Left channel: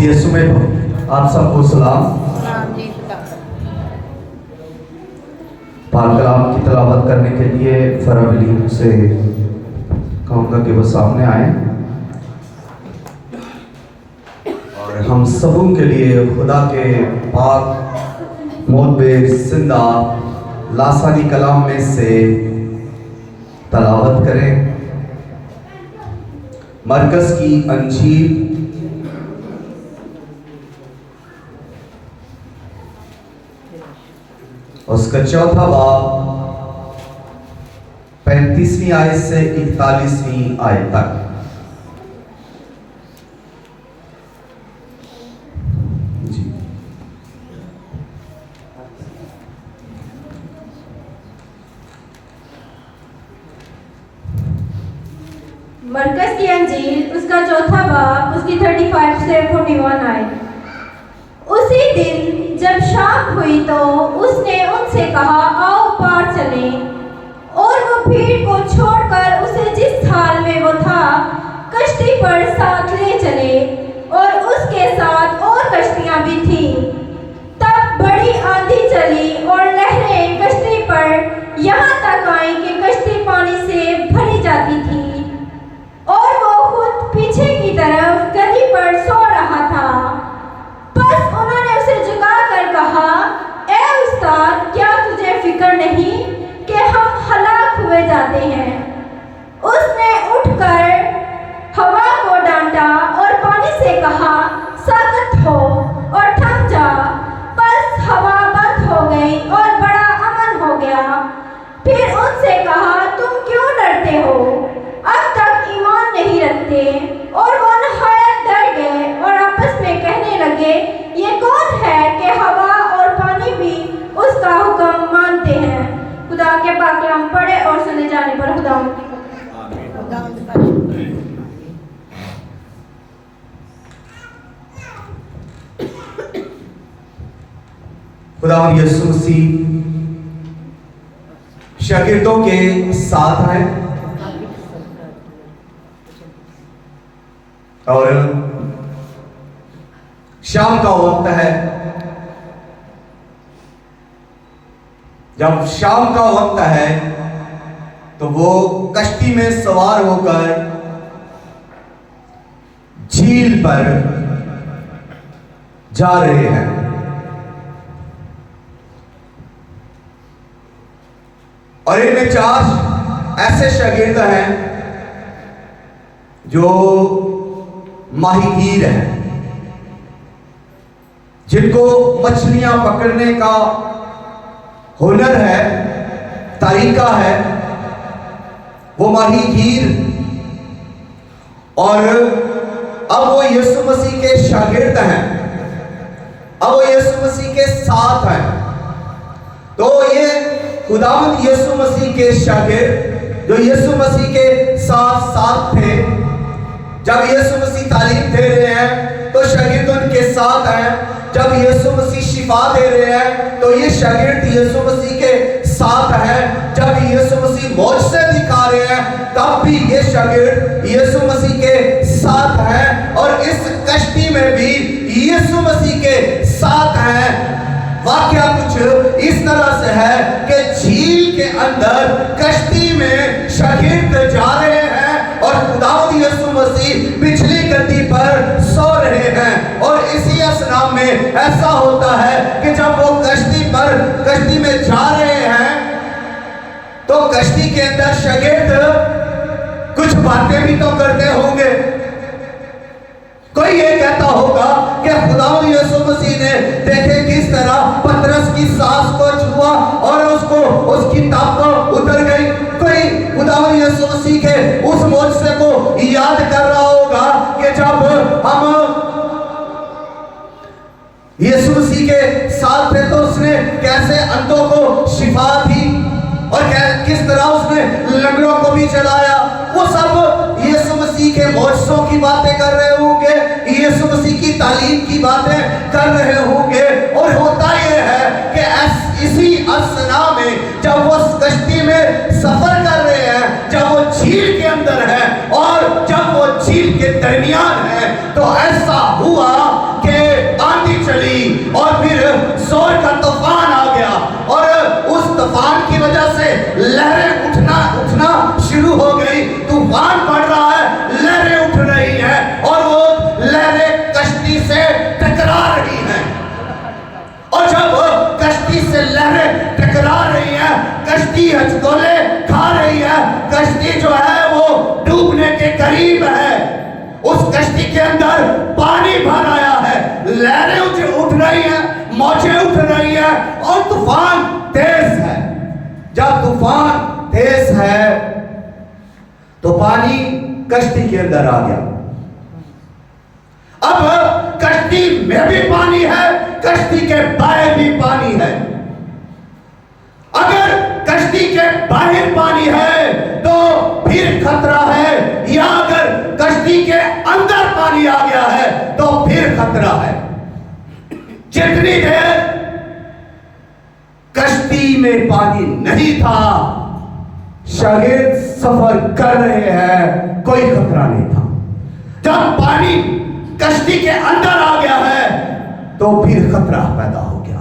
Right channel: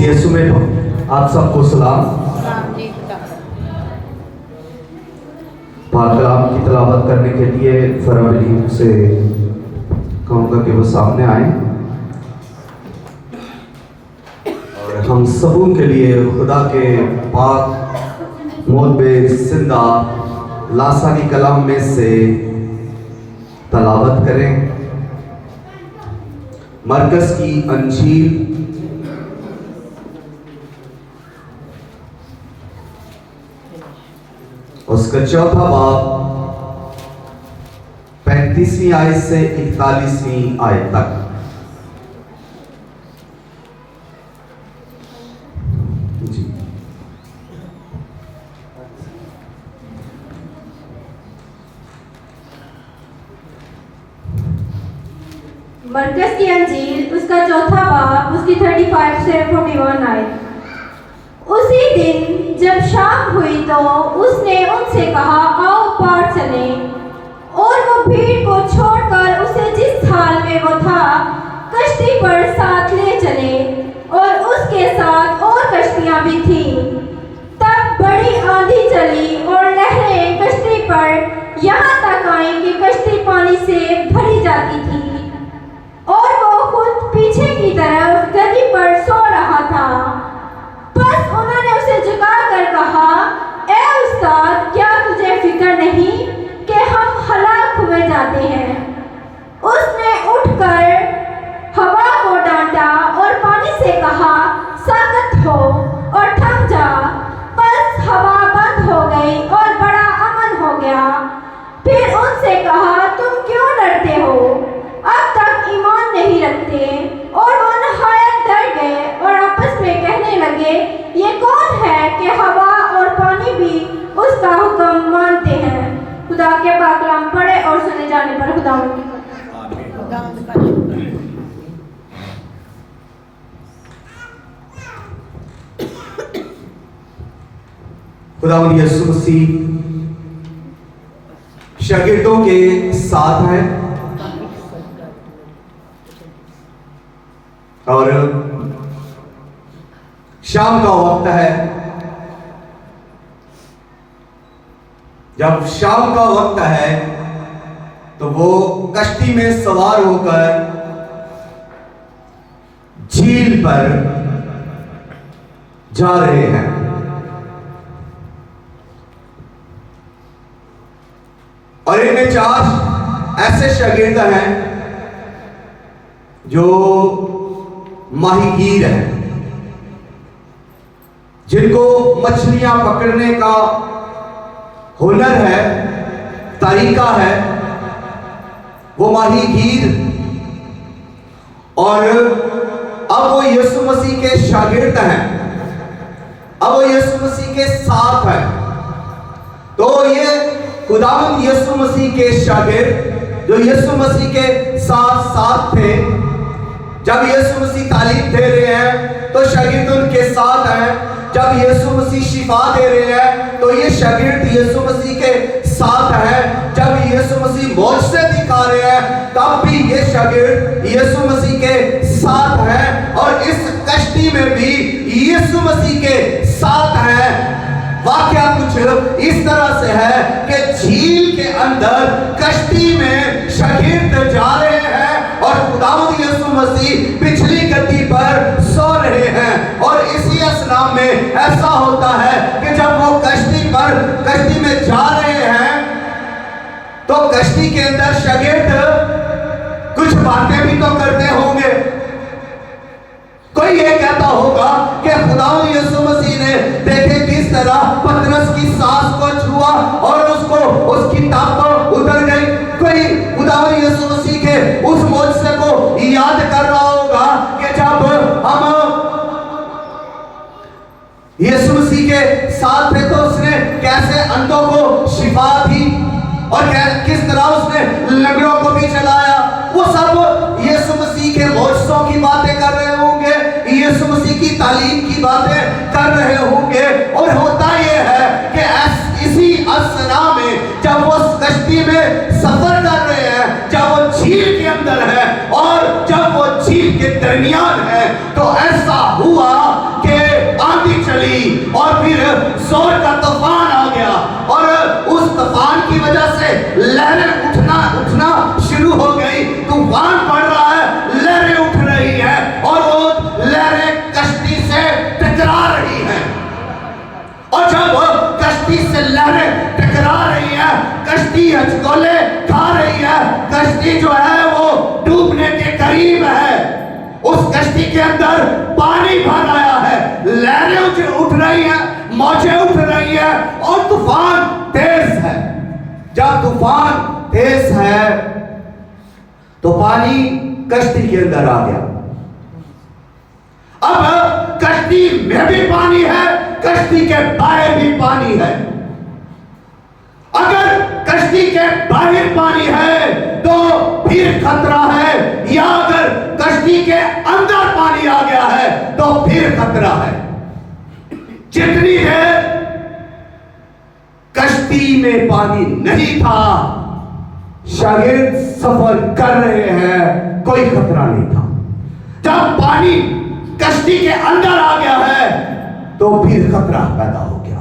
मसीह यीशु में आप सबको सलाम। पाक कलाम की तिलावत करने के लिए फराबली से कहूँगा कि वो सामने आए और हम सबों के लिए खुदा के पाक मोहब्बे जिंदा लासानी कलाम में से तिलावत करें। मरकज़ की अंजील उसका चौथा बाब 35वीं आयत से 41वीं आयत तक। जी मरकज़ की अंजील उसका चौथा बाब उसकी 35 से 41 आयत। उसी दिन जब शाम हुई तो उसने उनसे कहा, आओ पार चलें। और वो भीड़ को छोड़कर उसे जिस हाल में वो था कश्ती पर साथ ले चले, और उसके साथ और कश्तियां भी थीं। तब बड़ी आंधी चली और लहरें कश्ती पर यहाँ तक आई कि कश्ती पानी से भरी जाती थी, और वो खुद पीछे की तरफ गद्दी पर सो रहा था। बस उन्होंने उसे झुकाकर कहा, ए उस्ताद, क्या तुझे फिक्र नहीं कि हम हलाक हुए जाते हैं? उसने उठकर हवा को डांटा और पानी से कहा, साकत हो और थम जा। बस हवा बंद हो गई और बड़ा अमन हो गया। फिर उनसे कहा, तुम क्यों डरते हो? अब तक ईमान नहीं रखते? और वो नहायत डर गए और आपस में कहने लगे, ये कौन है कि हवा और पानी भी उसका हुक्म मानते हैं? खुदा के पाक कलाम पढ़े और सुने जाने पर खुदावंद का शुक्र। खुदावंद यीशु मसीह शागिर्दों के साथ है और शाम का वक्त है। जब शाम का वक्त है तो वो कश्ती में सवार होकर झील पर जा रहे हैं। और इनमें 4 ऐसे शागिर्द हैं जो माहीगीर हैं, जिनको मछलियां पकड़ने का हुनर है, तरीका है। वो माहीगीर और अब वो यीशु मसीह के शागिर्द हैं, अब वो यीशु मसीह के साथ हैं। तो ये खुदावंद यीशु मसीह के शागिर्द जो यीशु मसीह के साथ साथ थे, जब यीशु मसीह तालीम दे रहे हैं तो शागिर्द उनके साथ हैं। जब यीशु मसीह शिफा दे रहे हैं तो ये शागिर्द यीशु मसीह के साथ हैं। जब यीशु मसीह मौजज़े दिखा रहे हैं तब भी ये शागिर्द यीशु मसीह के साथ हैं। और इस कश्ती में भी यीशु मसीह के साथ हैं। वाकया कुछ इस तरह से है कि झील के अंदर कश्ती में शागिर्द जा रहे हैं और खुदावंद यीशु मसीह पिछली गद्दी पर सो रहे हैं। और इसी असनाम में ऐसा होता है कि जब वो कश्ती में जा रहे हैं तो कश्ती के अंदर शागिर्द कुछ बातें भी तो करते होंगे। कोई ये कहता होगा कि खुदावंद यीशु मसीह ने देखे किस तरह पतरस की सांस को छुआ और उसको उसकी ताकत उतर गई। कोई खुदावंद यीशु मसीह के उस मौजज़े को याद कर रहा होगा कि जब हम यीशु मसीह के साथ थे तो उसने कैसे अंधों को शिफा दी और किस तरह उसने लंगड़ों को भी चलाया। वो सब यीशु मसीह के मौजज़ों की बातें कर रहे होंगे, यीशु मसीह की तालीम की बातें कर रहे होंगे। और होता यह है कि इसी असना में जब वो कश्ती में सफर कर रहे हैं, जब वो झील के अंदर है और जब वो झील के दरमियान है, तो ऐसा हुआ हचकोले खा रही है, कश्ती जो है वो डूबने के करीब है। उस कश्ती के अंदर पानी भर आया है, लहरें उठ रही हैं, मौजें उठ रही है और तूफान तेज है। जब तूफान तेज है तो पानी कश्ती के अंदर आ गया। अब कश्ती में भी पानी है, कश्ती के बाहर भी पानी है। अगर कश्ती के बाहर पानी है तो फिर खतरा है, या अगर कश्ती के अंदर पानी आ गया है तो फिर खतरा है। जितनी देर कश्ती में पानी नहीं था, शागिर्द सफर कर रहे हैं, कोई खतरा नहीं था। जब पानी कश्ती के अंदर आ गया है तो फिर खतरा पैदा हो गया।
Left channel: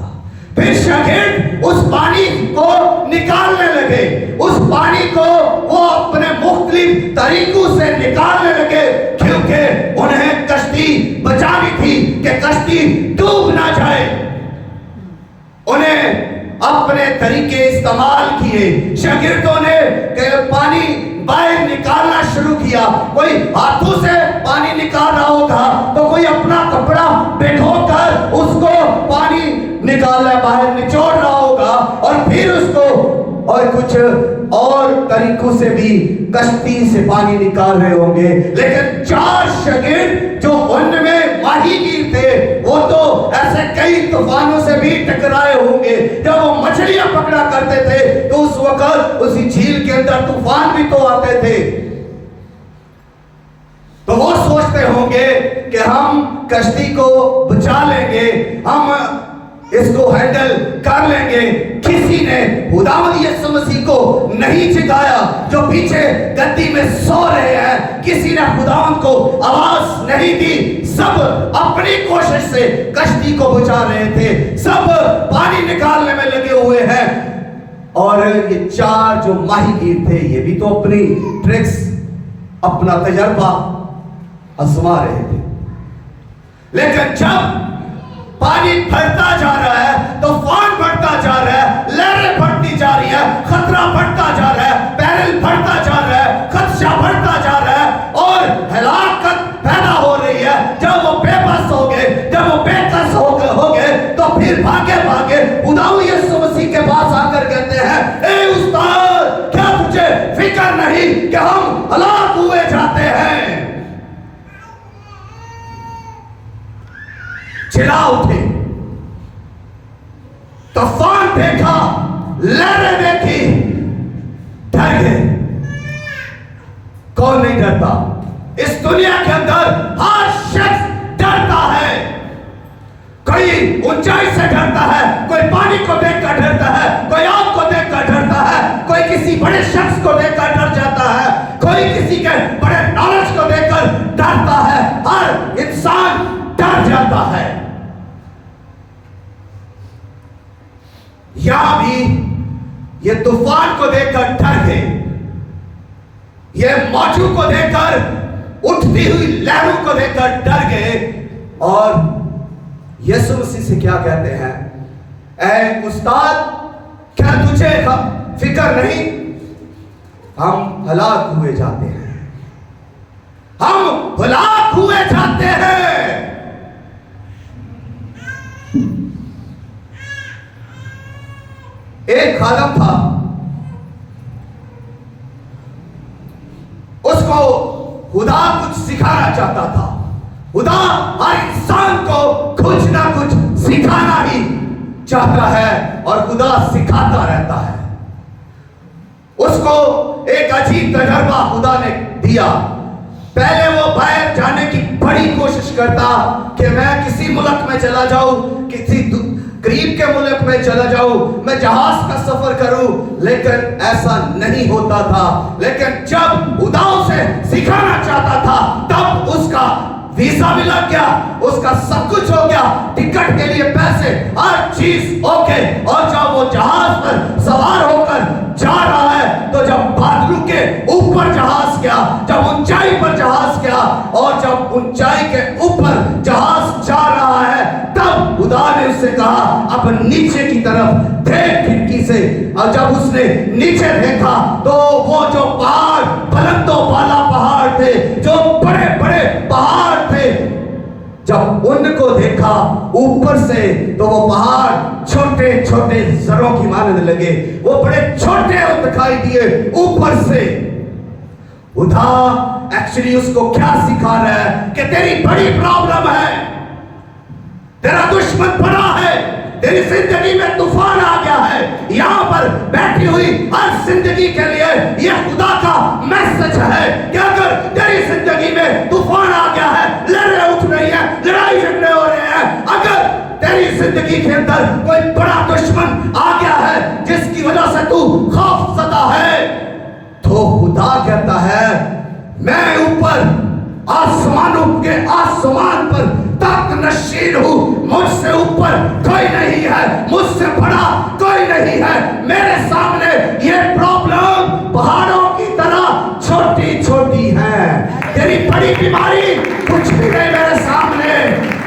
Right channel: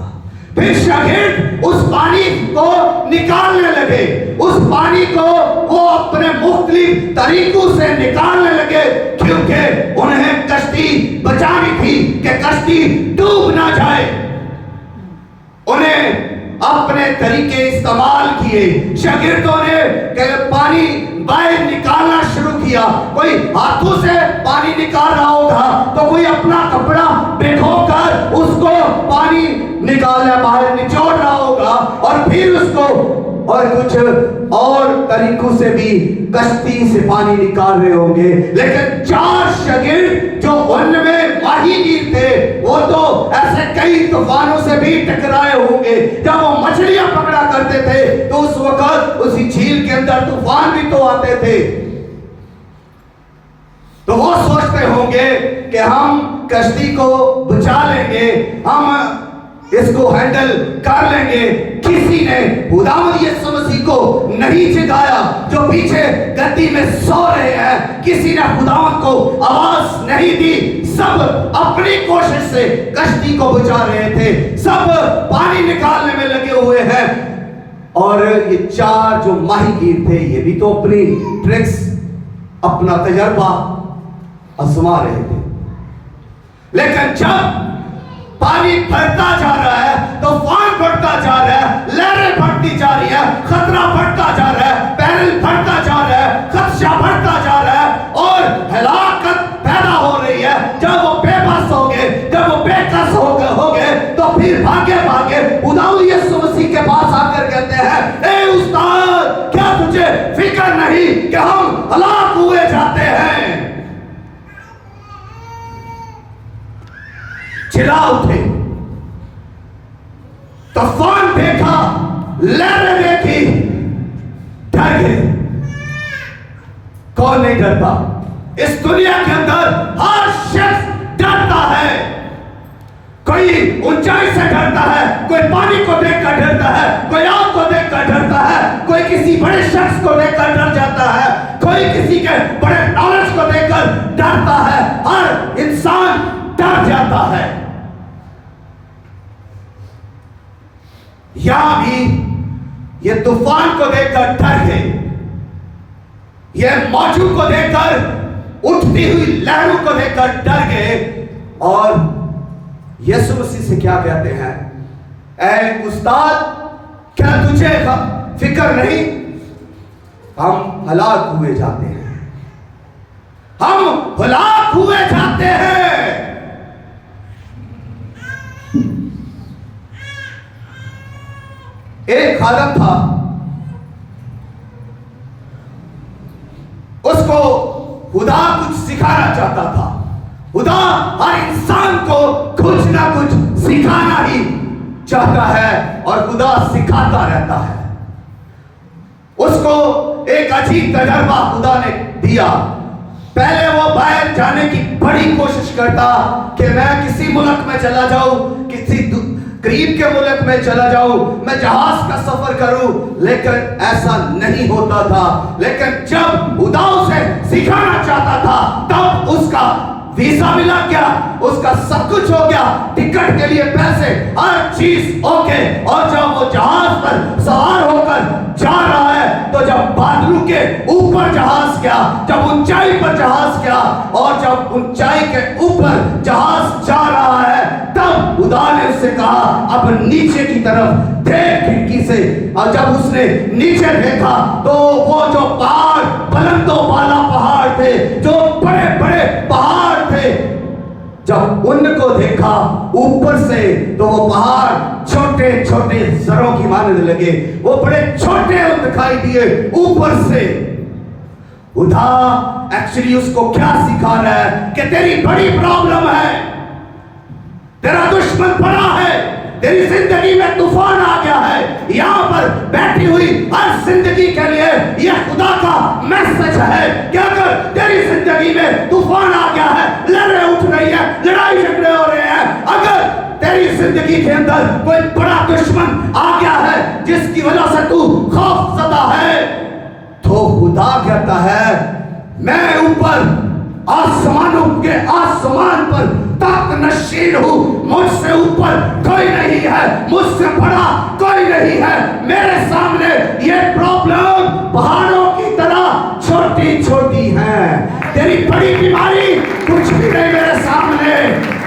फिर शागिर्द उस पानी को निकालने लगे, उस पानी को वो अपने मुख्तलिफ तरीकों से निकालने लगे, क्योंकि उन्हें कश्ती बचानी थी कि कश्ती डूब ना जाए। उन्हें अपने तरीके इस्तेमाल किए। शागिर्दों ने पानी बाहर निकालना शुरू किया। कोई हाथों से पानी निकाल रहा होगा तो कोई अपना कपड़ा भिगोकर उसको पानी निकालना बाहर निचोड़ रहा होगा, और फिर उसको और कुछ और तरीकों से भी कश्ती से पानी निकाल रहे होंगे। लेकिन 4 शागिर्द जो उनमें माहिर थे, वो तो ऐसे कई तूफानों से भी टकराए होंगे। जब वो मछलियां पकड़ा करते थे तो उस वक्त उसी झील के अंदर तूफान भी तो आते थे। तो वो सोचते होंगे कि हम कश्ती को बचा लेंगे, हम इसको हैंडल कर लेंगे। किसी ने खुदावंद यीशु मसीह को नहीं जगाया जो पीछे गद्दी में सो रहे हैं। किसी ने खुदावंद को आवाज नहीं दी। सब अपनी कोशिश से कश्ती को बचा रहे थे, सब पानी निकालने में लगे हुए हैं। और ये 4 जो माहिर थे, ये भी तो अपनी ट्रिक्स, अपना तजर्बा आजमा रहे थे। लेकिन जब पानी बढ़ता जा रहा है, तूफान बढ़ता जा रहा है, लहरें बढ़ती जा रही है, खतरा बढ़ता जा रहा है, बैरल बढ़ता जा रहा है, खदशा बढ़ता जा रहा है और हलाकत पैदा हो रही है। जब वो बेबस हो गए, जब वो बेकस हो गए तो फिर भागे भागे खुदावंद यीशु मसीह के पास आकर कहते हैं, ए उस्ताद, क्या तुझे फिक्र नहीं कि हम हलाक हुए जाते हैं? चिल्ला उठे। तूफान देखा, लहरें देखी, डर गए। कौन नहीं डरता? इस दुनिया के अंदर हर शख्स डरता है। कोई ऊंचाई से डरता है, कोई पानी को देखकर डरता है, कोई आग को देखकर डरता है, कोई किसी बड़े शख्स को देखकर डर जाता है, कोई किसी के बड़े नॉलेज को देखकर डरता है। हर इंसान डर जाता है। यहां भी ये तूफान को देखकर डर गए, ये मौजों को देखकर, उठती हुई लहरों को देखकर डर गए। और यीशु मसीह से क्या कहते हैं, ऐ उस्ताद, क्या तुझे फिक्र नहीं? हम हलाक हुए जाते हैं, हम हलाक हुए जाते हैं। एक खादम था, उसको खुदा कुछ सिखाना चाहता था। खुदा हर इंसान को कुछ ना कुछ सिखाना ही चाहता है और खुदा सिखाता रहता है। उसको एक अजीब तजर्बा खुदा ने दिया। पहले वो बाहर जाने की बड़ी कोशिश करता कि मैं किसी मुल्क में चला जाऊं, किसी करीब के मुल्क में चला जाऊं, मैं जहाज का सफर करूं, लेकिन ऐसा नहीं होता था। लेकिन जब खुदा उसे सिखाना चाहता था तब उसका वीजा भी लग गया, उसका सब कुछ हो गया, टिकट के लिए पैसे, हर चीज ओके। और जब वो जहाज पर सवार होकर जा रहा है तो जब बादलों के ऊपर जहाज गया, जब ऊंचाई पर जहाज गया और जब ऊंचाई के ऊपर जहाज जा रहा है तब खुदा ने उससे कहा अब नीचे की तरफ देख खिड़की से। और जब उसने उसने नीचे देखा तो वो जो पहाड़, बुलंदों वाला पहाड़ थे, जो बड़े बड़े पहाड़ थे, जब उनको देखा ऊपर से तो वो पहाड़ छोटे छोटे जरों की मानने लगे। वो बड़े छोटे दिखाई दिए ऊपर से। खुदा एक्चुअली उसको क्या सिखा रहा है कि तेरी बड़ी प्रॉब्लम है, तेरा दुश्मन बड़ा है, तेरी जिंदगी में तूफान आ गया है। यहां पर बैठी हुई हर जिंदगी के लिए यह खुदा का मैसेज है कि अगर तेरी जिंदगी में तूफान आ गया है, लड़ाई उठ रही है, लड़ाई झगड़े हो रहे हैं, अगर तेरी जिंदगी के अंदर कोई बड़ा दुश्मन आ गया है जिसकी वजह से तू खौफज़दा है, तो खुदा कहता है मैं ऊपर आसमानों के आसमान पर तख्त नशीन हूं, मुझसे ऊपर कोई नहीं है, मुझसे बड़ा कोई नहीं है। मेरे सामने ये प्रॉब्लम पहाड़ों की तरह छोटी छोटी है। तेरी बड़ी बीमारी कुछ भी नहीं मेरे सामने।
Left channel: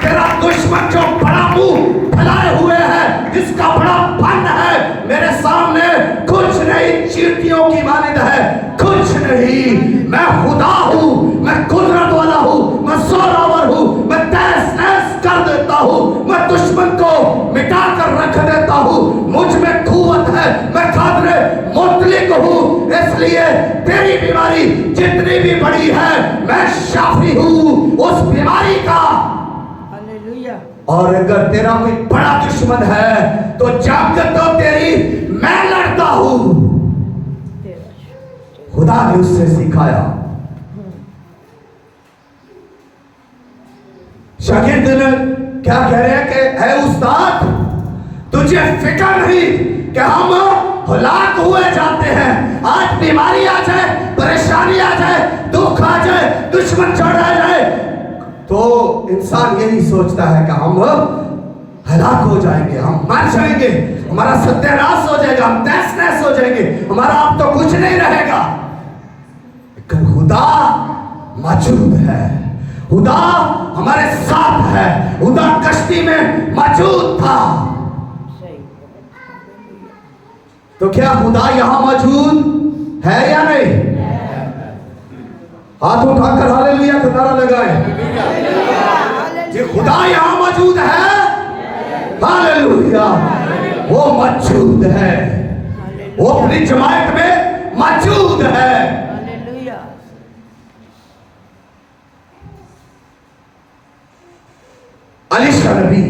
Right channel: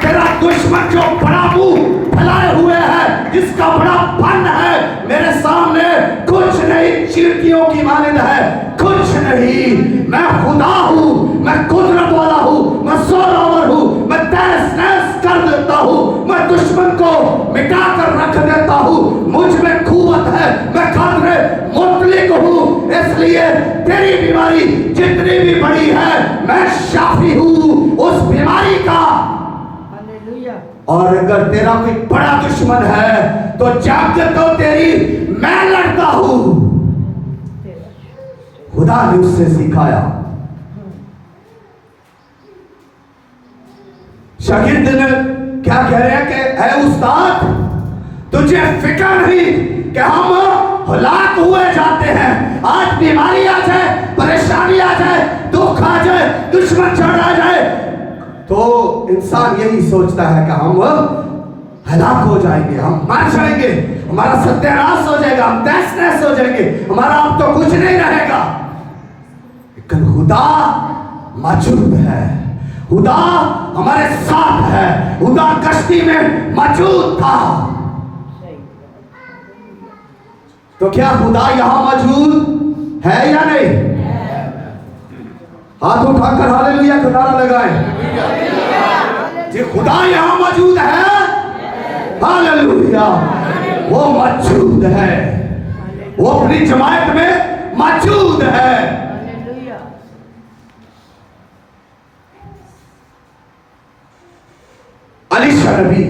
तेरा दुश्मन जो बड़ा मुंह फैलाए हुए है, जिसका बड़ा पन है, मेरे सामने कुछ नहीं, चींटियों की मानिंद है, कुछ नहीं। मैं खुदा हूं, मैं कुदरत वाला हूं, मैं जोरावर हूं, मैं तहस नहस कर देता हूं, मैं दुश्मन को मिटा कर रख देता हूं, मुझ में कुव्वत है, मैं कादरे मुतलिक हूं। इसलिए तेरी बीमारी जितनी भी बड़ी है, मैं शाफी हूं उस बीमारी का। और अगर तेरा कोई बड़ा दुश्मन है तो जंग तो तेरी मैं लड़ता हूं। खुदा ने उससे सिखाया। शागिर्द ने क्या कह रहे हैं कि ऐ उस्ताद, तुझे फिक्र नहीं कि हम हलाक हुए जाते हैं। आज बीमारी आ जाए, परेशानी आ जाए, दुख आ जाए, दुश्मन चढ़ आ जाए, तो इंसान यही सोचता है कि हम हलाक हो जाएंगे, हम मर जाएंगे, हमारा सत्यानाश हो जाएगा, हम तहस नहस हो जाएंगे, हमारा अब तो कुछ नहीं रहेगा। लेकिन खुदा मौजूद है, खुदा हमारे साथ है। खुदा कश्ती में मौजूद था। तो क्या खुदा यहां मौजूद है या नहीं? हाथ उठाकर हालेलुया का नारा लगाए। ये खुदा यहां मौजूद है, हालेलुया। वो मौजूद है, वो अपनी जमात में मौजूद है। अलीशा नबी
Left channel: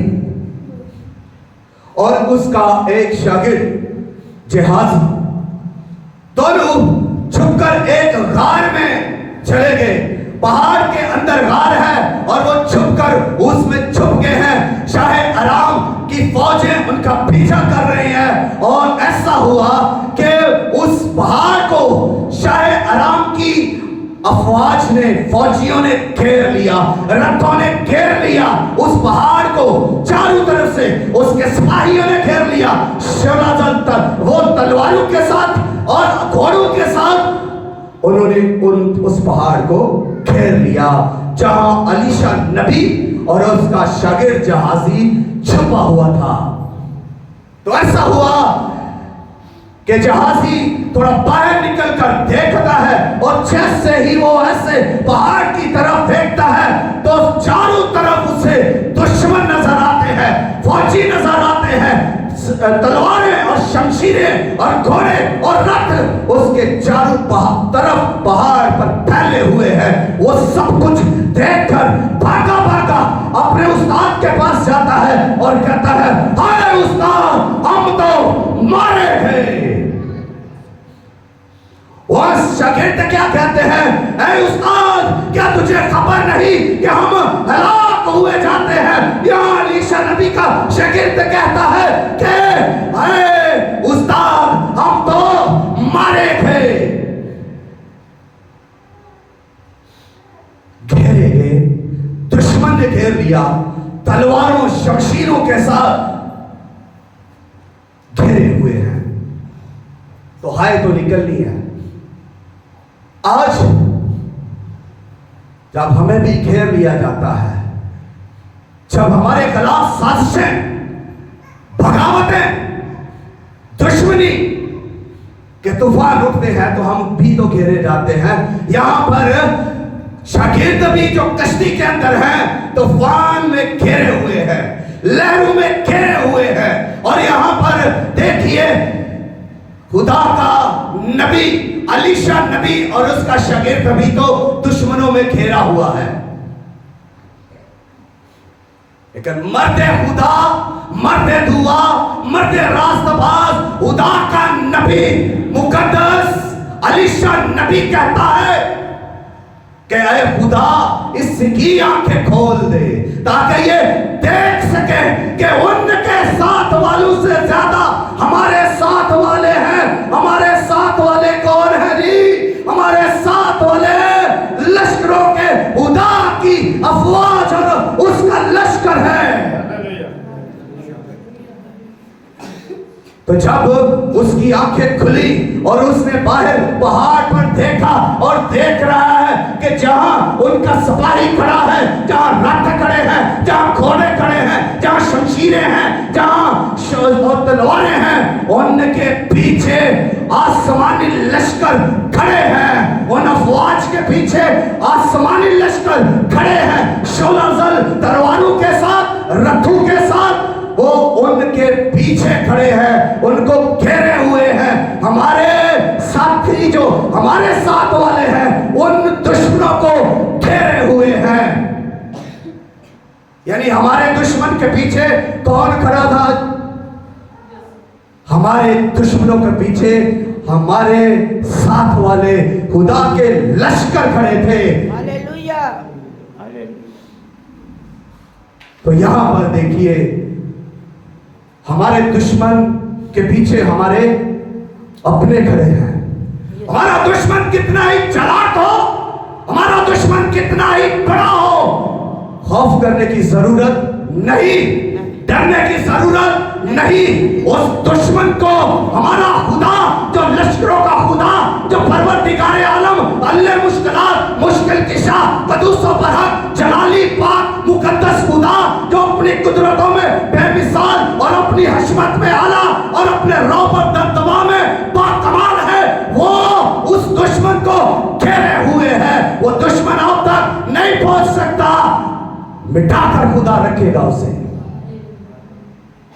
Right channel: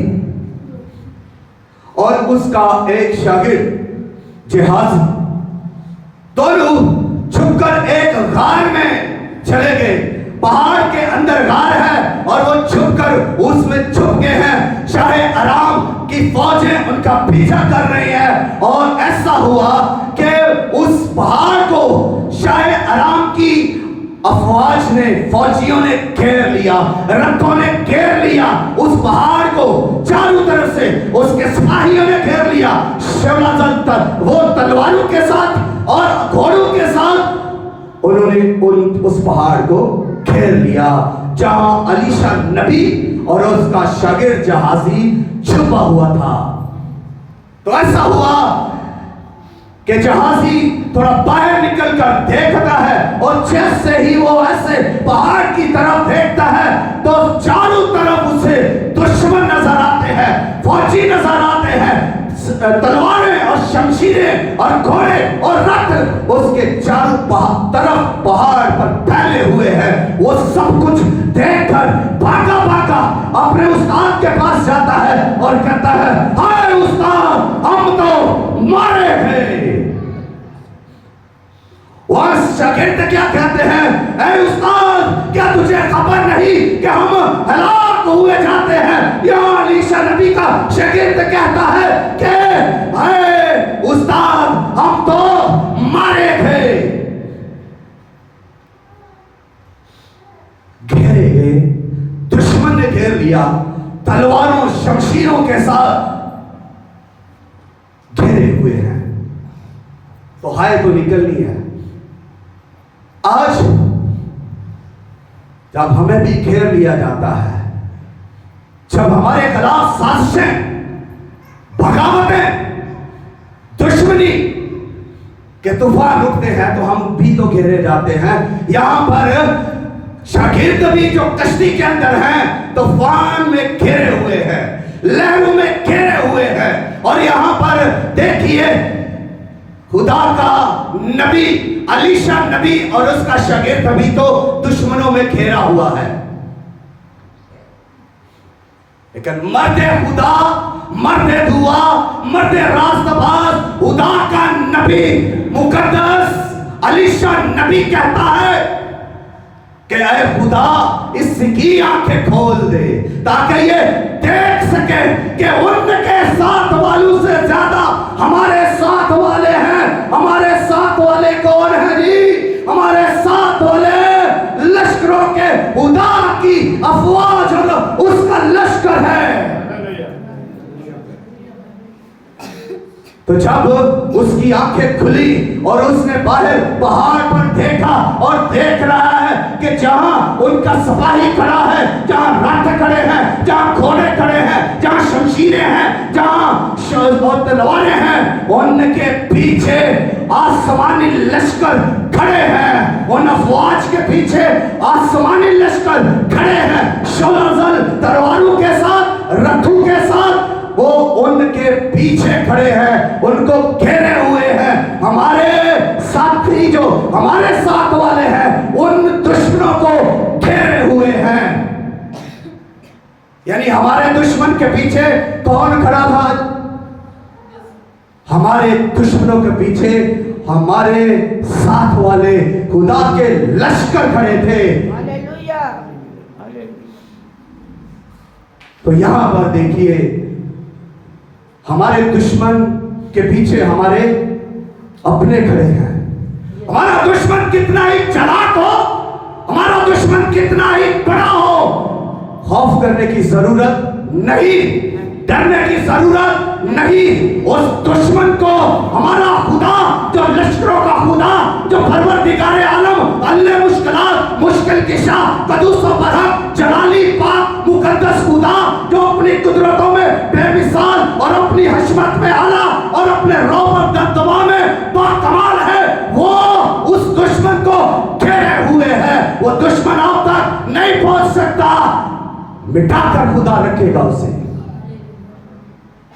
और उसका एक शागिर्द जिहाजी दोनों छुपकर एक गार में चले गए। पहाड़ के अंदर गार है और वो छुपकर उसमें छुप गए हैं। शाहे अराम की फौजें उनका पीछा कर रही हैं और ऐसा हुआ कि उस पहाड़ को शाहे अराम की अफवाज ने, फौजियों ने घेर लिया, रथों ने घेर लिया उस पहाड़ को चारों तरफ से। उसके सिपाहियों ने घेर लिया, वो तलवारों के साथ और घोड़ों के साथ उन्होंने उस पहाड़ को घेर लिया जहां अलीशा नबी और उसका शागिर्द जहाजी छुपा हुआ था। तो ऐसा हुआ कि जहाजी थोड़ा बाहर निकलकर देखता है और जैसे ही वो ऐसे पहाड़ की तरफ देखता है तो चारों तरफ उसे दुश्मन नजर आते हैं, फौजी नजर आते हैं, तलवारें और शमशीरें और घोड़े और रथ उसके चारों तरफ पहाड़ पर फैले हुए हैं। वो सब कुछ देखकर भागा भागा अपने उस्ताद के पास जाता है और कहता है, हाय उस्ताद, हम तो मारे गए। और शागिर्द क्या कहते हैं, ऐ उस्ताद, क्या तुझे खबर नहीं कि हम हलाक हुए जाते हैं? यहाँ अलीशा नबी का शागिर्द कहता है कि ऐ उस्ताद, हम तो मारे गए। घेरे गए, दुश्मन ने घेर लिया, तलवारों शमशीरों के साथ घेरे हुए हैं। तो हाय तो निकलनी है। आज जब हमें भी घेर लिया जाता है, जब हमारे खिलाफ साजिशें, बगावतें, दुश्मनी कि तूफान उठते हैं तो हम भी तो घेरे जाते हैं। यहां पर शागिर्द भी जो कश्ती के अंदर हैं तूफान में घेरे हुए हैं, लहरों में घेरे हुए हैं। और यहां पर देखिए खुदा का नबी अलीशा नबी और उसका शागिर्द भी तो दुश्मनों में घेरा हुआ है, लेकिन मर्दे खुदा, मर्दे दुआ, मर्दे रास्तबाज खुदा का नबी मुकद्दस अलीशा नबी कहता है कि ऐ खुदा इसकी आंखें खोल दे ताकि ये देख सके कि उनके साथ वालों से ज्यादा हमारे साथ वाले हैं। हमारे साथ वाले कौन है जी? हमारे साथ वाले लश्करों के खुदा की अफवाज और उसका लश्कर है। तो जब उसकी आंखें खुली और उसने बाहर पहाड़ पर देखा और देख रहा है कि जहां उनका सिपाही खड़ा है, जहां रथ खड़े हैं, जहां घोड़े खड़े हैं, जहां शमशीरें हैं, जहां तलवारें हैं, उनके पीछे आसमानी लश्कर खड़े हैं। उन अफवाज के पीछे आसमानी लश्कर खड़े हैं, शोलाजल तलवारों के साथ, रथों के साथ वो उनके पीछे खड़े हैं, उनको घेरे हुए हैं। हमारे साथी जो हमारे साथ वाले हैं उन दुश्मनों को घेरे हुए हैं। यानी हमारे दुश्मन के पीछे कौन खड़ा था? हमारे दुश्मनों के पीछे हमारे साथ वाले खुदा के लश्कर खड़े थे। हालेलुया। तो यहां पर देखिए हमारे दुश्मन के पीछे हमारे अपने खड़े हैं। हमारा दुश्मन कितना ही चालाक हो, हमारा दुश्मन कितना ही बड़ा हो, खौफ करने की जरूरत नहीं, डरने की जरूरत नहीं। उस दुश्मन को हमारा खुदा जो लश्करों का खुदा, जो परवरदिगारे आलम, अल्लाह मुश्किलात, मुश्किल किशा, कदूस व बरहक, जलाली पाक मुकद्दस खुदा जो अपनी कुदरतों में बेमिसाल और अपनी हशमत में आला और अपने रौब और दबदबा में बाकमाल है, वो उस दुश्मन को घेरे हुए है। वो दुश्मन अब तक नहीं पहुंच सकता, मिटाकर खुदा रखेगा उसे,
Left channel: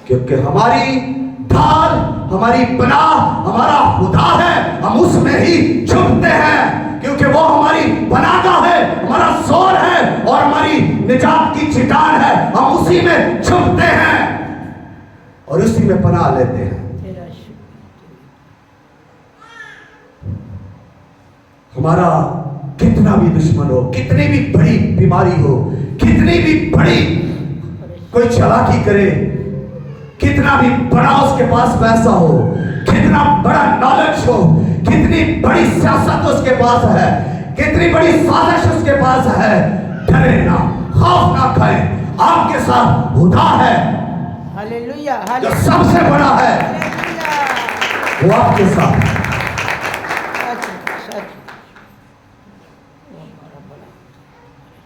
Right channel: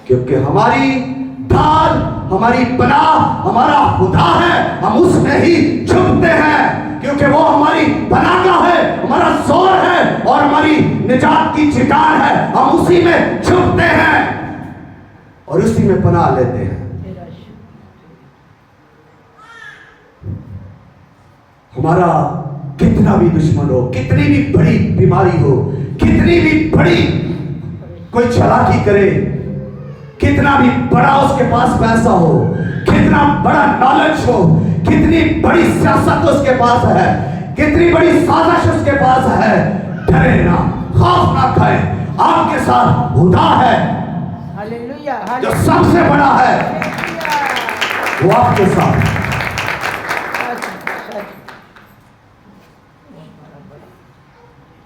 क्योंकि हमारी ढाल, हमारी पनाह हमारा खुदा है। हम उसमें ही छुपते हैं क्योंकि वो हमारी पनाह है, हमारा जोर है और हमारी निजात की चिटान है। हम उसी में छुपते हैं और उसी में पनाह लेते हैं। हमारा कितना भी दुश्मन हो, कितनी भी बड़ी बीमारी हो, कितनी भी बड़ी कोई चालाकी करे, कितना भी बड़ा उसके पास पैसा हो, कितना बड़ा नॉलेज हो, कितनी बड़ी सियासत उसके पास है, कितनी बड़ी साजिश उसके पास है, डरे ना, खौफ ना खाए। आपके साथ खुदा है हालेलुया। जो सबसे बड़ा है, वो आपके साथ।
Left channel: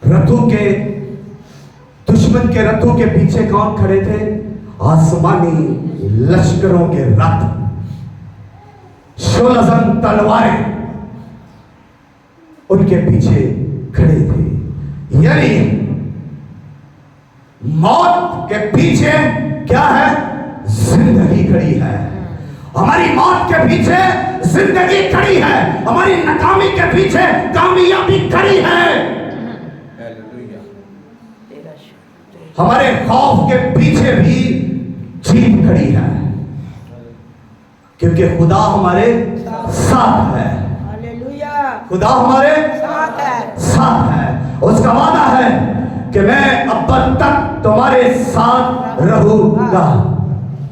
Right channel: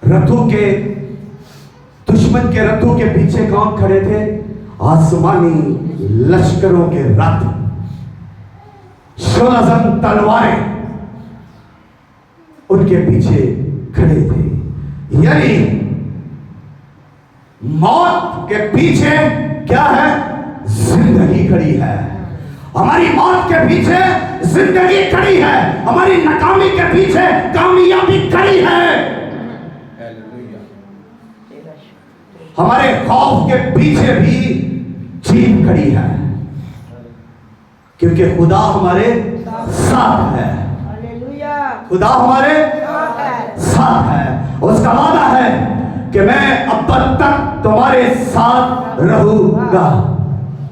रथों के, दुश्मन के रथों के पीछे कौन खड़े थे? आसमानी लश्करों के रथ, शोलाजन तलवारें उनके पीछे खड़े थे। यानी मौत के पीछे क्या है? जिंदगी खड़ी है। हमारी मौत के पीछे जिंदगी खड़ी है, हमारी नाकामी के पीछे कामयाबी खड़ी है, हमारे खौफ के पीछे भी जीत खड़ी है, क्योंकि खुदा हमारे साथ है। खुदा हमारे साथ है। उसका वादा है कि मैं अब तक तुम्हारे साथ रहूंगा।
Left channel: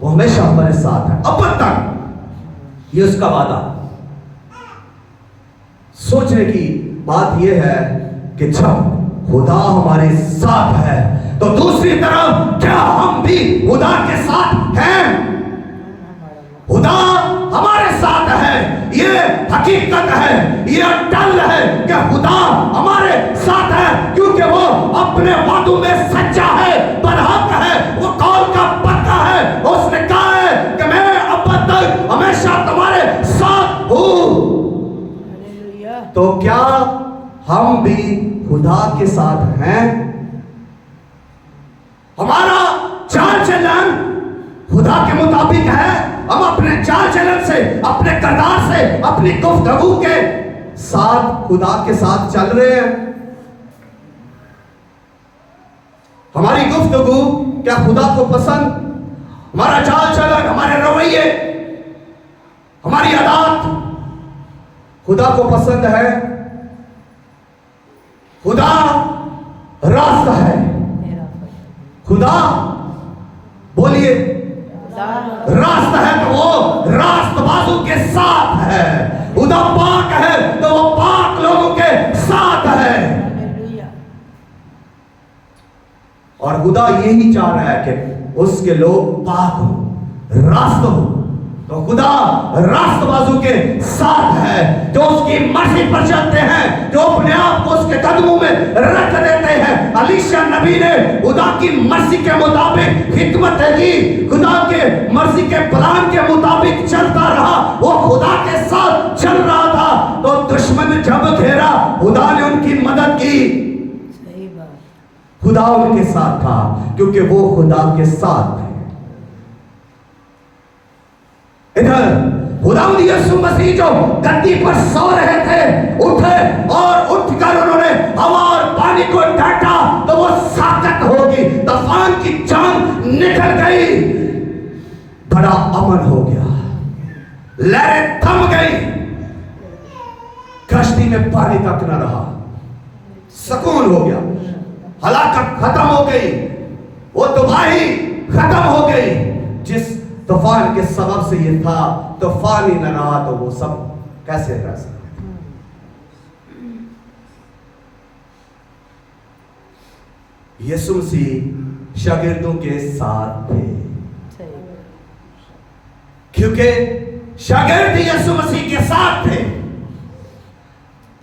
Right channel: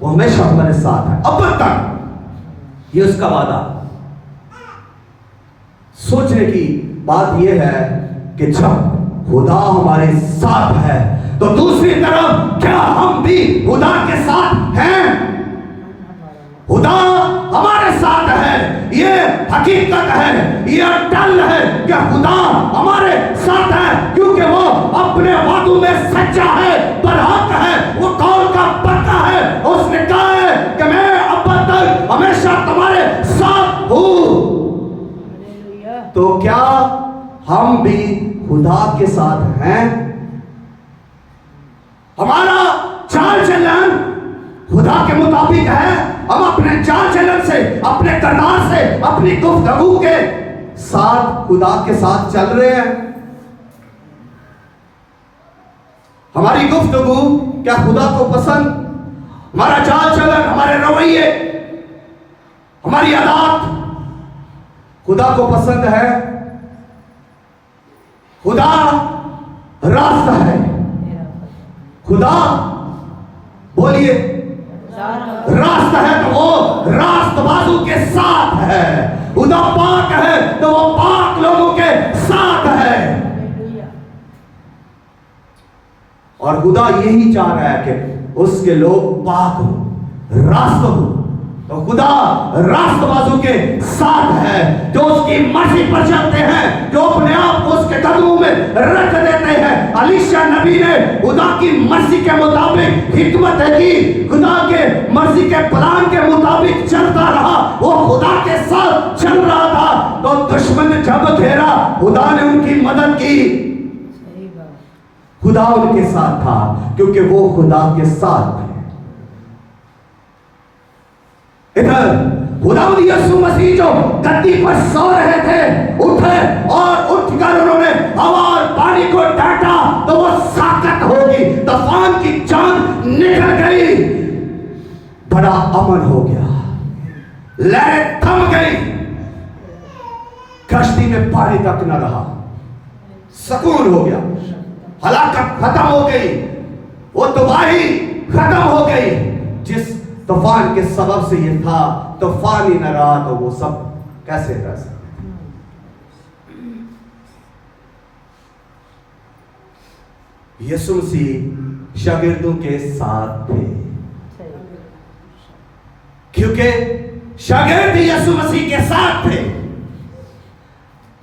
वो हमेशा हमारे साथ है अब तक, ये उसका वादा। सोचने की बात यह है कि जब खुदा हमारे साथ है तो दूसरी तरफ क्या हम भी खुदा के साथ हैं? खुदा हमारे साथ है, ये हकीकत है, ये अटल है कि खुदा हमारे साथ है, क्योंकि वो अपने वादों में सच्चा है, बरहक है, वो कौल का पक्का है। उसने कहा है कि मैं अब तक हमेशा तुम्हारे साथ तो क्या हम भी खुदा के साथ हैं? हमारा चाल चलन खुदा के मुताबिक है? हम अपने चाल चलन से, अपने किरदार से, अपनी गुफ्तगू के साथ खुदा के साथ चल रहे हैं? हमारी गुफ्तगू क्या खुदा को पसंद? हमारा चाल चलन, हमारे रवैये, हमारी आदत खुदा को पसंद है? खुदा रास्ता है। खुदा बोलिए रास्ता है तो वो रास्तबाजों के साथ है। खुदा पाक है तो वो पाक लोगों के साथ है। और खुदा यही चाह रहा है कि उसके लोग पाक हो, रास्त हो। तो खुदा रास्तबाजों के साथ है, जो उसकी मर्जी पर चलते हैं, जो अपने आप को उसके कदमों में रख देते हैं। अलीशा नबी ने खुदा की मर्जी के मुताबिक हिकमत की, खुदा के मर्जी के प्लान के मुताबिक चलता रहा। वो खुदा के साथ चल रहा था तो दुश्मन जब घेरा, खुदा ने उनकी मदद की। खुदा उनके साथ था क्योंकि वो खुदा के साथ है। इधर खुदावंद यीशु मसीह जो गद्दी पर सो रहे थे, उठे और उठकर उन्होंने हवा और पानी को डांटा तो वो साकत हो गई, तूफान की जान निकल गई, बड़ा अमन हो गया, लहरें थम गई, कश्ती में पानी तक न रहा, सुकून हो गया, हलाकत खत्म हो गई, वो तबाही खत्म हो गई। जिस तूफान के सबब से ये था, तूफान ही न रहा तो वो सब कैसे रह सकते? यीशु मसीह शागिर्दों के साथ थे क्योंकि शागिर्द यीशु मसीह के साथ थे।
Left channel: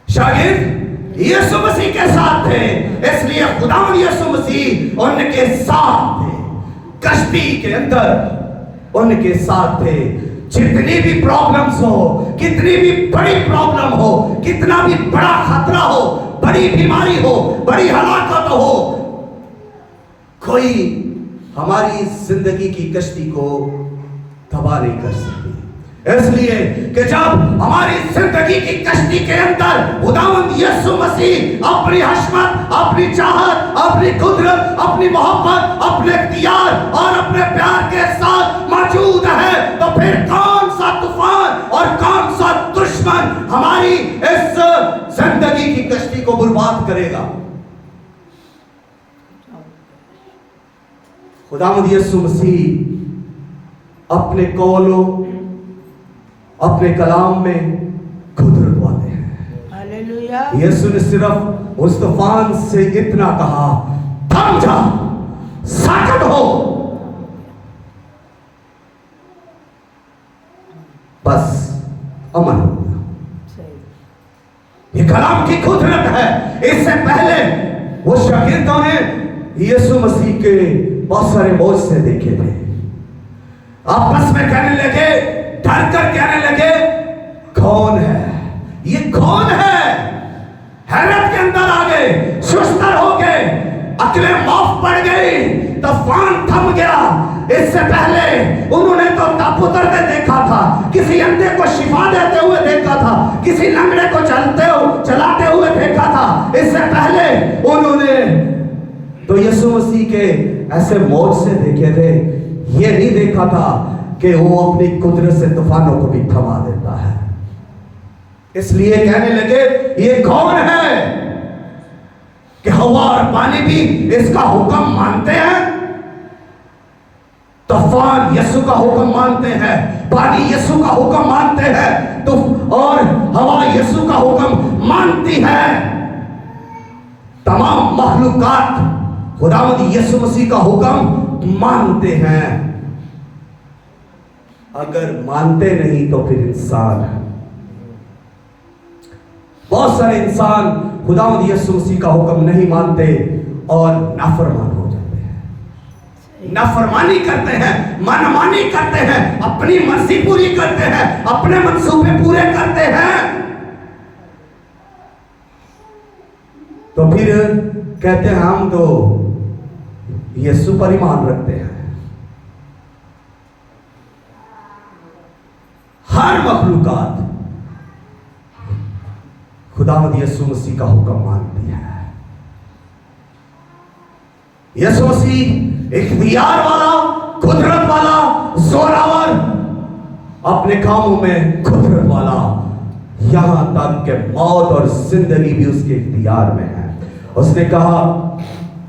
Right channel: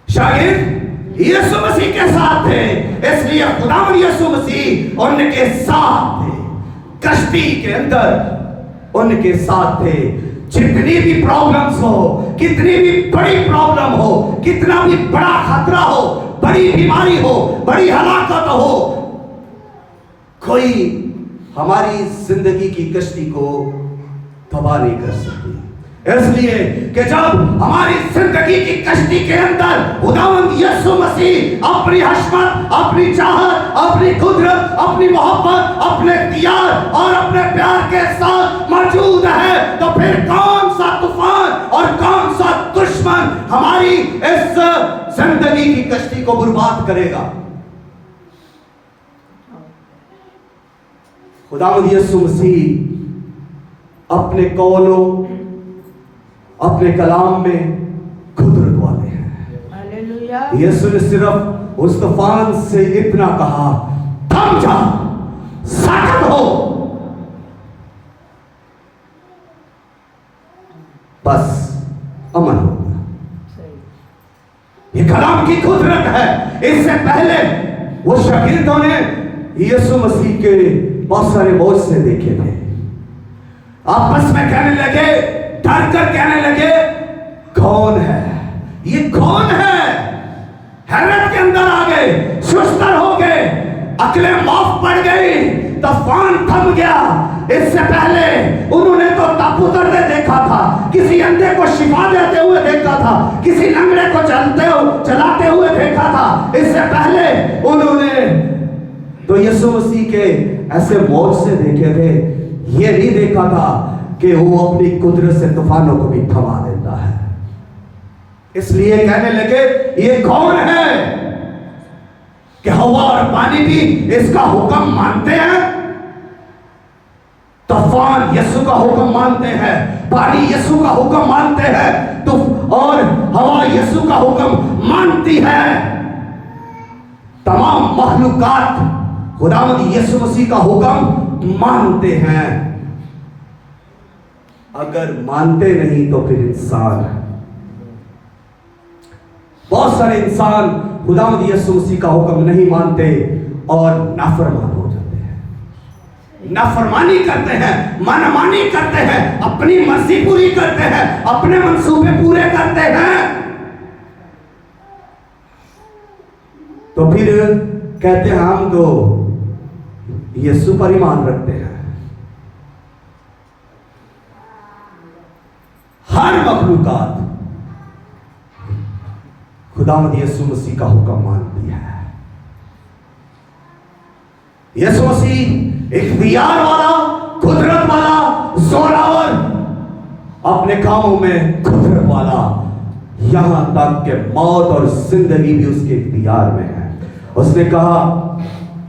शागिर्द यीशु मसीह के साथ थे, इसलिए खुदावंद यीशु मसीह उनके साथ थे। कश्ती के अंदर उनके साथ थे। जितनी भी प्रॉब्लम्स हो, कितनी भी बड़ी प्रॉब्लम हो, कितना भी बड़ा खतरा हो, बड़ी बीमारी हो, बड़ी हलाकत हो, कोई हमारी जिंदगी की कश्ती को तबाह नहीं कर सकती। इसलिए कि जब हमारी जिंदगी की कश्ती के अंदर खुदावंद यीशु मसीह अपनी हशमत, अपनी चाहत, अपनी कुदरत, अपनी मोहब्बत, अपने इख्तियार और अपने प्यार के साथ मौजूद है, तो फिर कौन सा तूफान और कौन सा दुश्मन हमारी इस जिंदगी की कश्ती को बर्बाद करेगा? खुदावंद यीशु मसीह अपने कौलों, अपने कलाम में कुदरत वाले हैं। हालेलुया। यीशु ने सिर्फ उस तूफान से इतना कहा, थम जा, साकत हो, बस अमन हो। ये कलाम की कुदरत है। इससे पहले वो शागिर्दों ने यीशु मसीह के बहुत सारे मौजज़े देखे थे। आपस में कहने लगे, डर कर कहने लगे, कौन है ये? कौन है? हैरत के अंदर आ गए, सुस्तर हो गए, अकलें माफ पड़ गई, तूफान थम गया। इससे पहले उन्होंने तो तप उतरते देखा था, किसी अंधे को शिफा देते हुए देखा था, किसी लंगड़े को चलाते हुए देखा था। इससे पहले उन्होंने तो यीशु मसीह के ऐसे मौजज़े देखे थे। ये नहीं देखा था कि वो अपनी कुदरत से तूफानों को भी थमा देता है। इसलिए कहने लगे, ये कौन है कि हवा और पानी भी इसका हुक्म मानते हैं? तूफान यीशु का हुक्म मानते हैं, पानी यीशु का हुक्म मानते हैं, तो और हवा यीशु का हुक्म मानती है। तमाम मखलूकात खुदावंद यीशु मसीह का हुक्म मानते हैं। अगर मानते नहीं तो फिर इंसान, बहुत सारे इंसान खुदावंद यीशु मसीह का हुक्म नहीं मानते और नाफरमान हो जाते हैं, नाफरमानी करते हैं, मनमानी करते हैं, अपनी मर्जी पूरी करते हैं, अपने मंसूबे पूरे करते हैं। फिर कहते हैं हम तो यीशु पर ईमान रखते हैं। हर मखलूकात खुदावंद यीशु मसीह का हुक्म मानती है। यीशु मसीह इख्तियार वाला, कुदरत वाला, जोरावर, अपने कामों में कुदरत वाला, यहां तक कि मौत और जिंदगी भी उसके इख्तियार में है। उसने कहा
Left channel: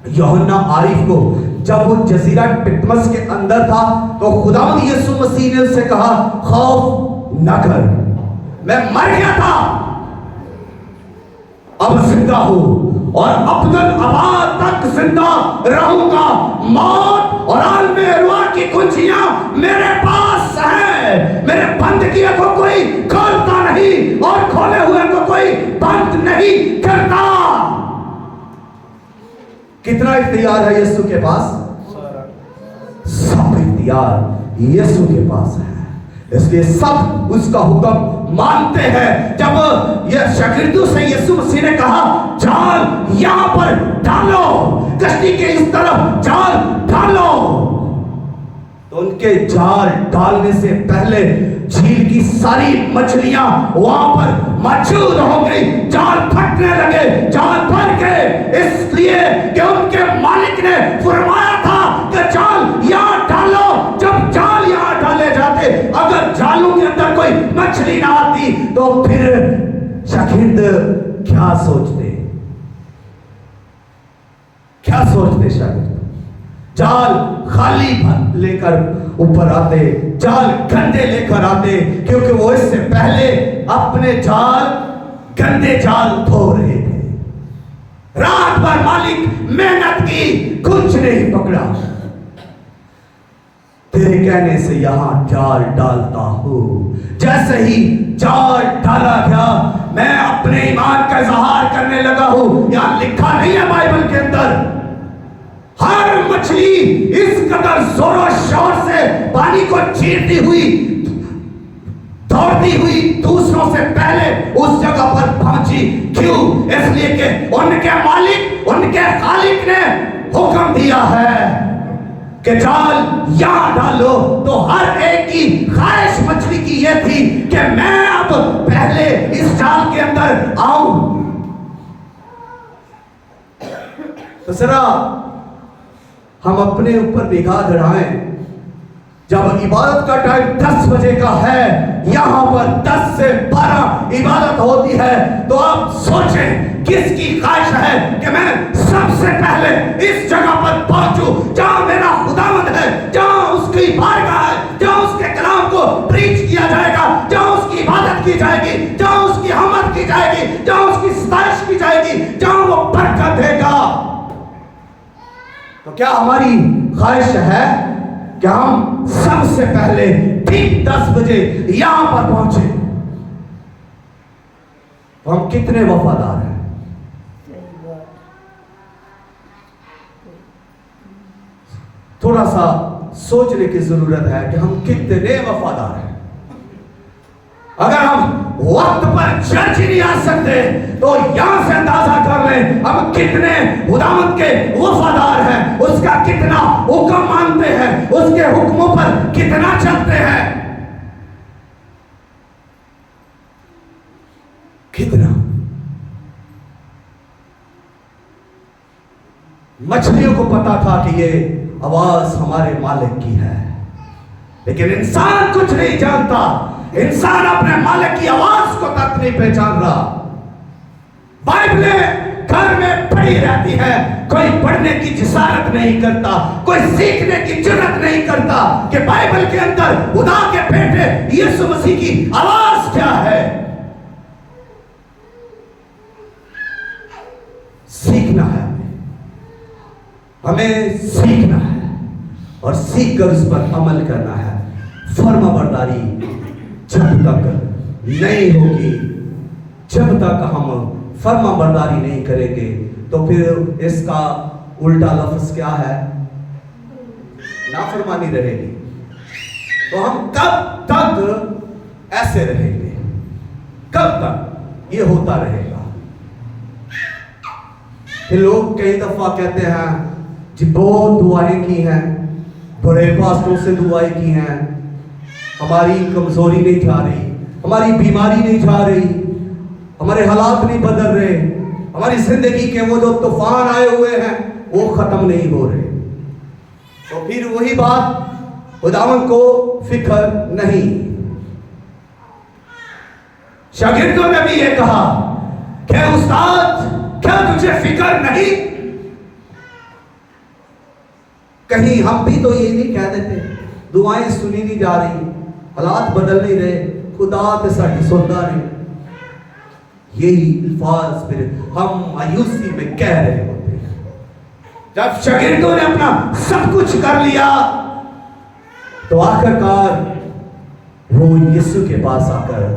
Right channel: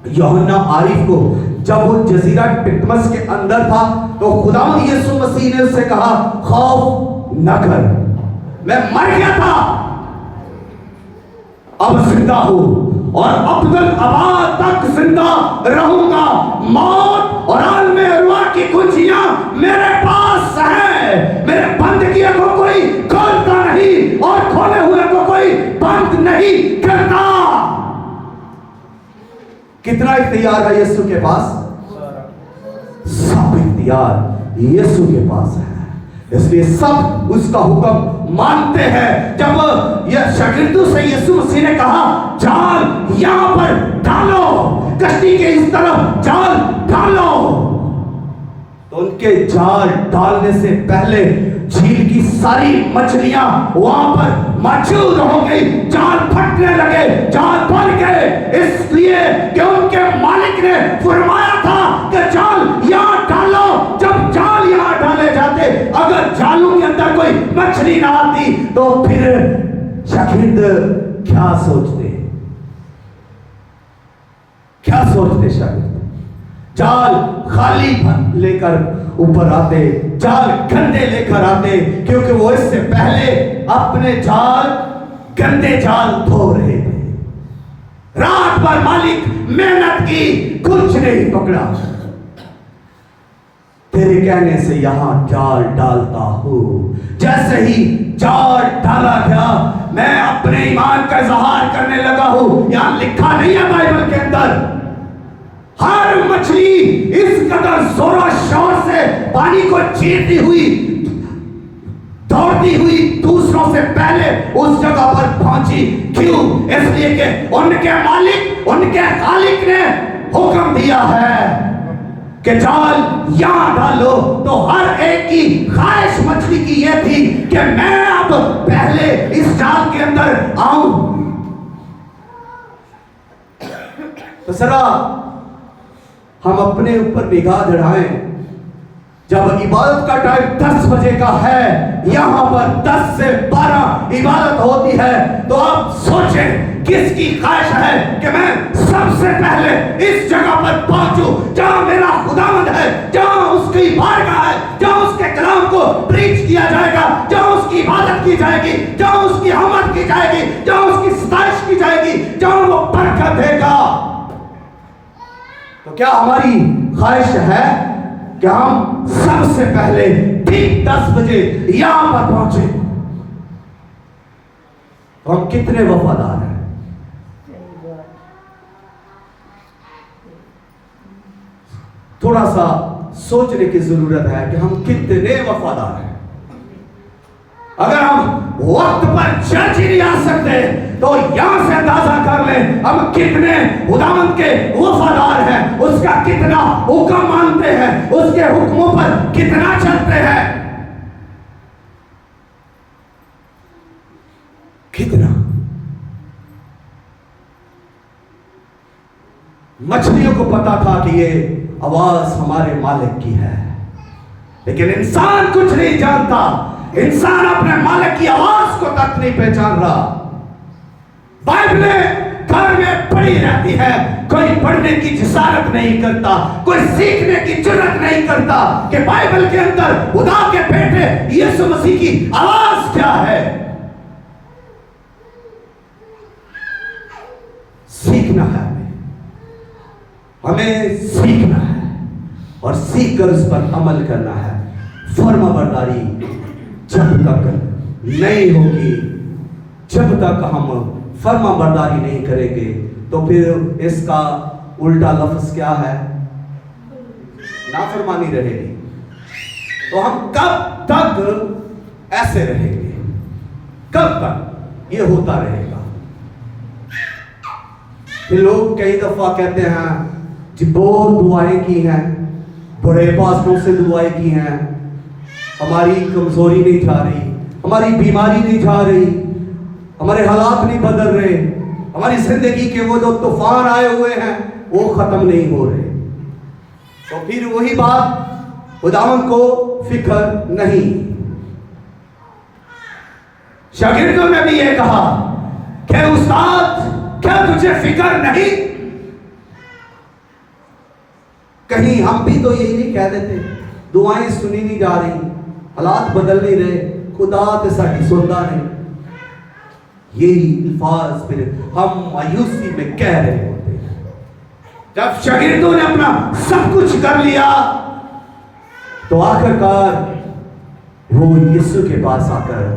यूहन्ना आरिफ को, जब वो जजीरा टिटमस के अंदर था तो खुदावंद यीशु मसीह ने उससे कहा खौफ न कर, मैं मर गया था अब जिंदा हूं और अब्दुल अबाद तक जिंदा रहूंगा। मौत और आलमे रुआ की कुंजियां मेरे पास है। मेरे बंद किए को कोई खोलता नहीं और खोले हुए को कोई बंद नहीं करता। कितना इख्तियार है यीशु के पास? सब इख्तियार यीशु के पास है, इसलिए सब उसका हुक्म मानते हैं। जब यह शागिर्दों से यीशु मसीह ने कहा जाल यहां पर डालो, कश्ती के इस तरफ जाल डालो, तो उनके जाल डालने से पहले झील की सारी मछलियां वहां पर मौजूद हो गई। जाल फटने लगे, जाल बन गए, इसलिए कि उनके मालिक ने फरमाया था कि जाल यहां डालो। जब जाल यहां डाले जाते, अगर जालों के अंदर कोई मछली ना आती तो फिर शागिर्द क्या सोचते? क्या सोचते शागिर्द? जाल खाली लेकर ऊपर आते, जाल गंदे लेकर आते, क्योंकि वो इससे पहले अपने जाल गंदे जाल धो रहे थे। रात भर मालिक मेहनत की, कुछ नहीं पकड़ा। तेरे कहने से यहां जाल डालता हूं। जैसे ही जाल डाला गया, मैं अपने ईमान का इजहार करने लगा हूं। यहां लिखा नहीं है बाइबल के अंदर, हर मछली इस कदर जोरों शोर से पानी को चीरती हुई, दौड़ती हुई दूसरों से पहले उस जगह पर पहुंची। क्यों? इसलिए कि उनके मालिक, उनके खालिक ने हुक्म दिया है कि जाल यहां डालो। तो हर एक की ख्वाहिश मछली की यह थी कि मैं अब पहले इस जाल के अंदर आऊं। तो जरा हम अपने ऊपर निगाह दौड़ाएं। जब इबादत का टाइम 10 बजे का है, यहां पर 10 से 12 इबादत होती है, तो आप सोचें किसकी ख्वाहिश है कि मैं सबसे पहले इस जगह पर पहुंचूं जहां मेरा खुदावंद है, जहां उसकी बारगाह है, जहां उसके कलाम को प्रीच किया जाएगा, जहां उसकी इबादत की जाएगी, जहां उसकी हमद की जाएगी, जहां उसकी सताइश की जाएगी, जहां वो बरकत देगा। तो क्या हमारी ख्वाहिश है कि हम सबसे पहले ठीक 10 बजे यहां पर पहुंचे? तो हम कितने वफादार हैं? थोड़ा सा सोचने की जरूरत है कि हम कितने वफादार हैं। अगर हम वक्त पर चर्च ही नहीं आ सकते तो यहां से अंदाजा कर लें हम कितने खुदावंद के वफादार हैं, उसका कितना हुक्म मानते हैं, उसके हुक्मों पर कितना चलते हैं। कितना? मछलियों को पता था कि ये आवाज हमारे मालिक की है, लेकिन इंसान कुछ नहीं जानता। इंसान अपने मालिक की आवाज को तक नहीं पहचान रहा। बाइबलें घर में पड़ी रहती है, कोई पढ़ने की जिसारत नहीं करता, कोई सीखने की जुर्रत नहीं करता कि बाइबल के अंदर खुदा के बेटे यीशु मसीह की आवाज क्या है। सीखना है, हमें सीखना है और सीख कर उस पर अमल करना है। फर्माबरदारी जब तक नहीं होगी, जब तक हम फर्माबरदारी नहीं करेंगे, तो फिर इसका उल्टा लफ्ज क्या है? नाफरमानी रहेगी। तो हम कब तक ऐसे रहेंगे? कब तक ये होता रहेगा? फिर लोग कई दफा कहते हैं जी बहुत दुआएं की हैं, बड़े पास्टरों से दुआएं की हैं, हमारी कमजोरी नहीं जा रही, हमारी बीमारी नहीं जा रही, हमारे हालात नहीं बदल रहे, हमारी जिंदगी के वो जो तूफान आए हुए हैं वो खत्म नहीं हो रहे। तो फिर वही बात, खुदावंद को फिक्र नहीं। शागिर्दों ने भी ये कहा कि उस्ताद क्या तुझे फिक्र नहीं? कहीं हम भी तो यही नहीं कह देते, दुआएं सुनी नहीं जा रही, हालात बदल नहीं रहे, खुदा ते साडी सुनता नहीं। यही अल्फाज फिर हम मायूसी में कह रहे होते हैं। जब शागिर्दों ने अपना सब कुछ कर लिया तो आखिरकार वो यीशु के पास आकर